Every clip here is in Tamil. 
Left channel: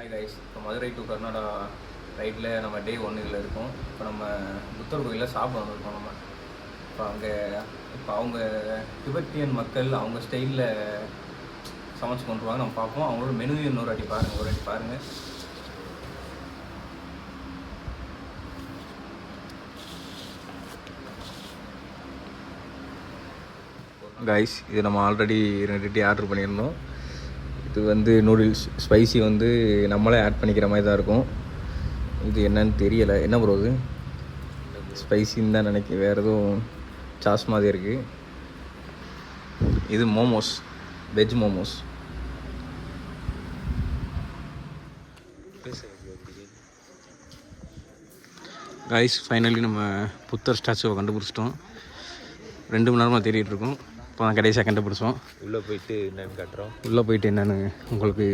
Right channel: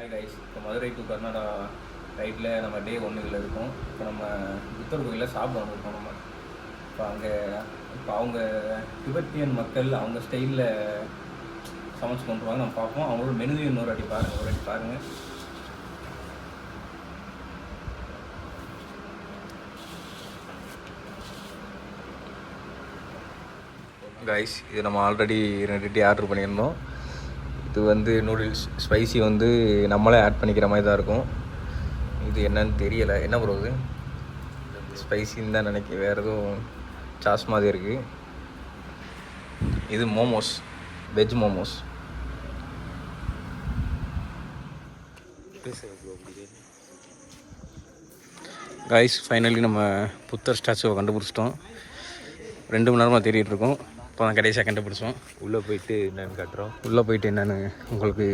ஹாய் கைஸ், இப்போ மதுரை டு கர்நாடகா ரைட்டில் நம்ம டே 1 இருக்கோம். இப்போ நம்ம புத்தர் கோயிலில் சாப்பிட வந்திருக்கோம். நம்ம இப்போ அவங்க திபெத்தியன் மக்கள் அவங்க ஸ்டைலில் சமைச்சு கொண்டு வருவாங்க. நம்ம பார்ப்போம். அவங்களோட மெனு ஒரு வாட்டி பாருங்கள். கைஸ், இது நம்ம ஆல்ரெடி 2 ஆர்டர் பண்ணியிருந்தோம். இது வந்து நூடுல்ஸ் ஸ்பைசி வந்து நம்மளே ஆட் பண்ணிக்கிற மாதிரி தான் இருக்கும். இது என்னன்னு தெரியலை. என்ன ப்ரோ இது? ஸ்பைசின்னு தான் நினைக்கிறேன். வேறு எதுவும் சாஸ் மாதிரி இருக்குது. இது momos, veg momos. Guys, finally நம்ம புத்தர் ஸ்டாச்சுவை கண்டுபிடிச்சிட்டோம். 2 மணி நேரமாக தேடிட்டு இருக்கோம். இப்போ தான் கடைசியாக கண்டுபிடிச்சோம். உள்ளே போயிட்டு என்னென்னு காட்டுறோம். உள்ளே போயிட்டு என்னென்னு உங்களுக்கு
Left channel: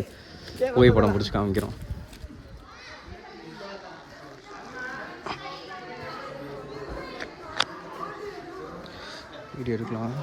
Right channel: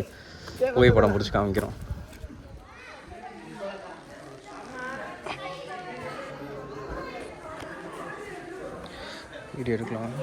புகைப்படம் பிடிச்சி காமிக்கிறோம். வீடியோ எடுக்கலாம்.